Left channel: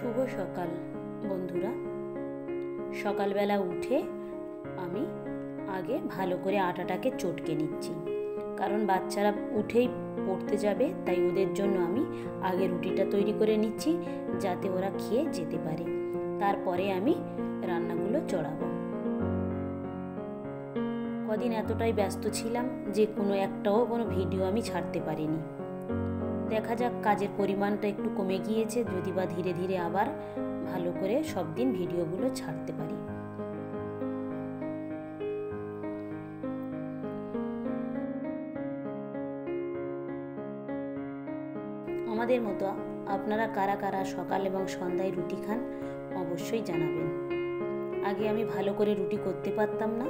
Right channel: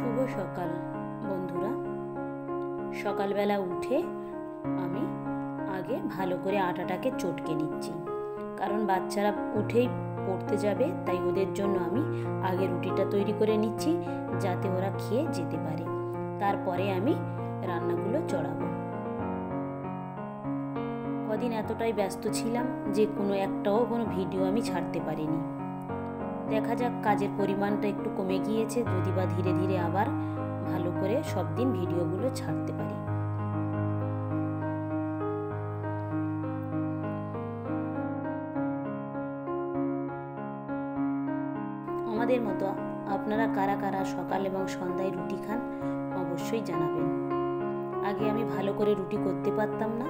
শুভ সকাল বন্ধুরা। সকালবেলা উঠে আমি আগে ভালো করে আটাটাকে চটকে নিচ্ছি, কারণ বাচ্চারা উঠেই পড়তে যাবে, তাই ওদের জন্য আমি আগে রুটিটা তৈরি করে নিচ্ছি যাতে ওরা খেয়ে যেতে পারে। তারপরে আমি রান্নাগুলো চড়াবো। কদিন এতটাই ব্যস্ত ছিলাম যে কোনো ভিডিও আমি ছাড়তে পারিনি। দেখা যাক, কাজের পরিমাণটা একটু কমে গিয়েছে, যদি বা ধীরে ধীরে আবার ভালো করে সব দিন ভিডিওগুলো ছাড়তে পারি। আমাদের মতো আপনারা কারা কারা সকাল এবং সন্ধ্যায় রুটি খান অবশ্যই জানাবেন। আগে আমি ভালো করে রুটি করতে পারতাম না,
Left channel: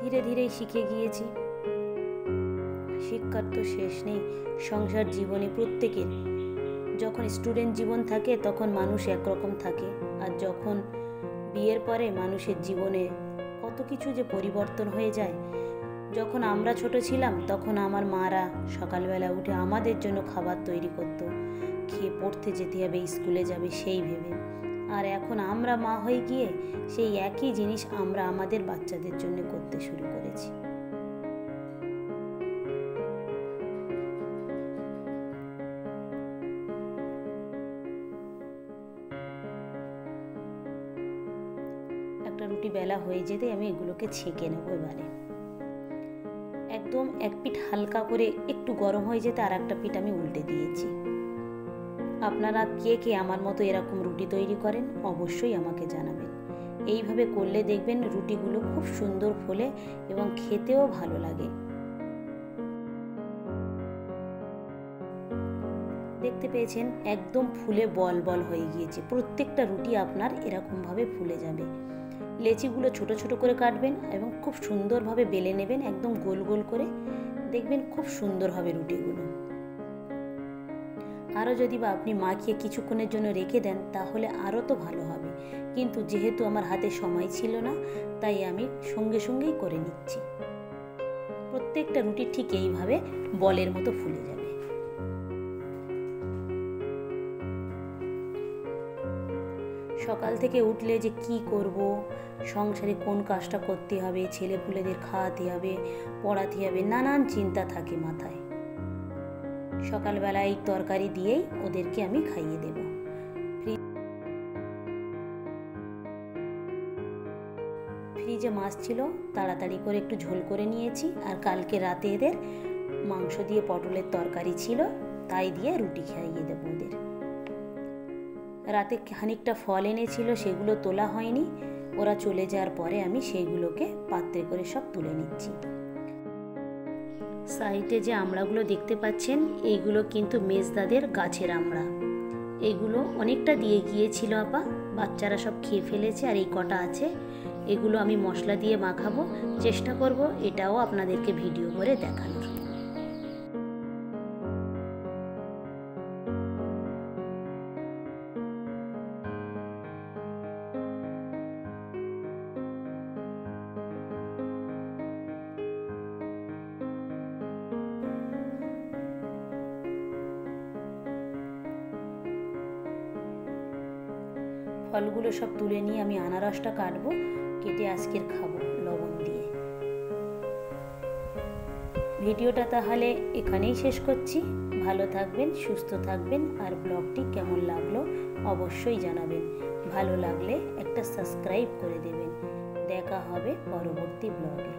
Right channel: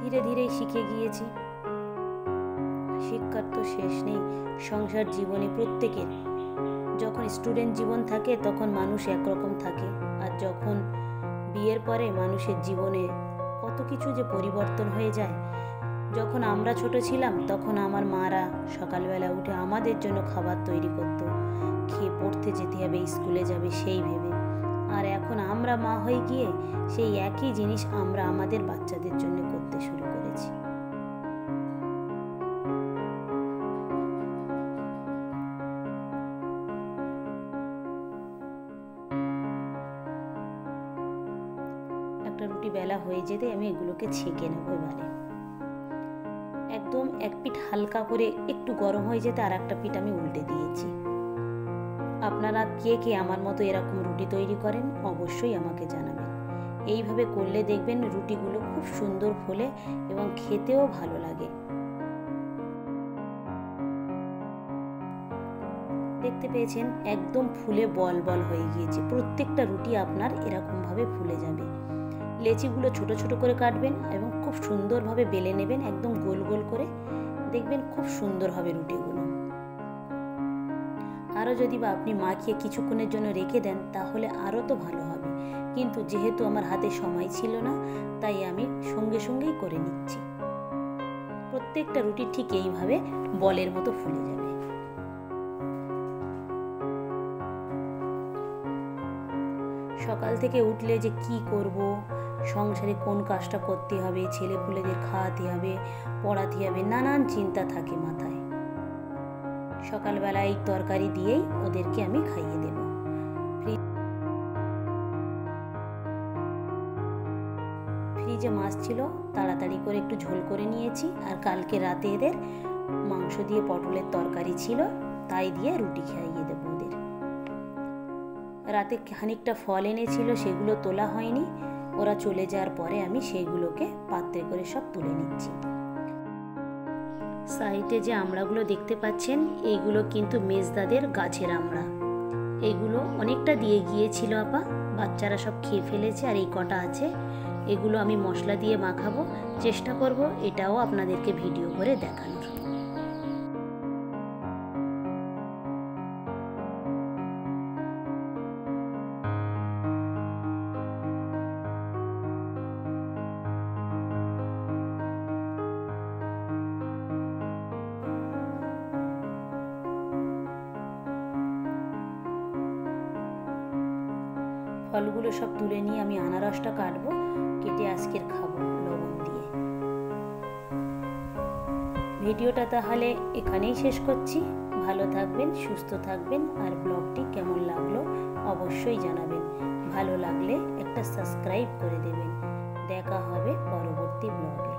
ধীরে ধীরেই শিখে গিয়েছি। শিক্ষার তো শেষ নেই সংসার জীবনে প্রত্যেকের। যখন স্টুডেন্ট জীবন থাকে তখন মানুষ একরকম থাকে, আর যখন বিয়ের পরে মানুষের জীবনে কত কিছু যে পরিবর্তন হয়ে যায়। যখন আমরা ছোট ছিলাম তখন আমার মারা সকালবেলা উঠে আমাদের জন্য খাবার তৈরি করতো, খেয়ে পড়তে যেতে হবে, স্কুলে যাবে সেই ভেবে। আর এখন আমরা মা হয়ে গিয়ে সেই একই জিনিস আমরা আমাদের বাচ্চাদের জন্য করতে শুরু করেছি। একটা রুটি বেলা হয়ে যেতে আমি এগুলোকে ছেঁকে নেবো। এবারে একদম এক পিঠ হালকা করে একটু গরম হয়ে যেতে আর একটা পিঠ আমি উল্টে দিয়েছি। আপনারা কে কে আমার মতো এরকম রুটি তৈরি করেন অবশ্যই আমাকে জানাবেন। এইভাবে করলে দেখবেন রুটিগুলো খুব সুন্দর ফোলে এবং খেতেও ভালো লাগে। দেখতে পেয়েছেন একদম ফুলে বল বল হয়ে গিয়েছে। প্রত্যেকটা রুটি আপনার এরকমভাবে ফুলে যাবে। লেচিগুলো ছোট ছোট করে কাটবেন এবং খুব সুন্দরভাবে বেলে নেবেন, একদম গোল গোল করে। দেখবেন খুব সুন্দর হবে রুটিগুলো। আরও যদি বা আপনি মাখিয়ে কিছুক্ষণের জন্য রেখে দেন তাহলে আরও তো ভালো হবে, কিন্তু যেহেতু আমার হাতে সময় ছিল না তাই আমি সঙ্গে সঙ্গেই করে নিচ্ছি। প্রত্যেকটা রুটি ঠিক এইভাবে বলের মতো ফুলে যাবে। সকাল থেকে উঠলে যে কি করব, সংসারে কোন কাজটা করতে হবে, ছেলেপুলেদের খাওয়াতে হবে, পড়াতে হবে, নানান চিন্তা থাকে মাথায়। সকালবেলা এই তরকারি দিয়েই ওদেরকে আমি খাইয়ে দেব। ফ্রিজে মাছ ছিল, তাড়াতাড়ি করে একটু ঝোল করে নিয়েছি। আর কালকে রাতে এদের মাংস দিয়ে পটলের তরকারি ছিল, তাই দিয়ে রুটি খাইয়ে দেবো ওদের। রাতে খানিকটা ফল এনেছিল, সেগুলো তোলা হয়নি। ওরা চলে যাওয়ার পরে আমি সেইগুলোকে পাত্রে করে সব তুলে নিচ্ছি। সাইডে যে আমড়াগুলো দেখতে পাচ্ছেন এইগুলো কিন্তু মেজদাদের গাছের আমড়া। এগুলো অনেকটা দিয়ে গিয়েছিল আপা, বাচ্চারা সব খেয়ে ফেলেছে আর এই কটা আছে। এগুলো আমি মশলা দিয়ে মাখাবো, চেষ্টা করব এটাও আপনাদেরকে ভিডিও করে দেখানোর। ফলগুলো সব তুলে নিয়ে আমি আনারসটা কাটবো, কেটে আজকের খাবো লবণ দিয়ে। ভিডিওটা তাহলে এখানেই শেষ করছি। ভালো থাকবেন, সুস্থ থাকবেন, আর ব্লগটি কেমন লাগলো অবশ্যই জানাবেন। ভালো লাগলে একটা সাবস্ক্রাইব করে দেবেন। দেখা হবে পরবর্তী ব্লগে।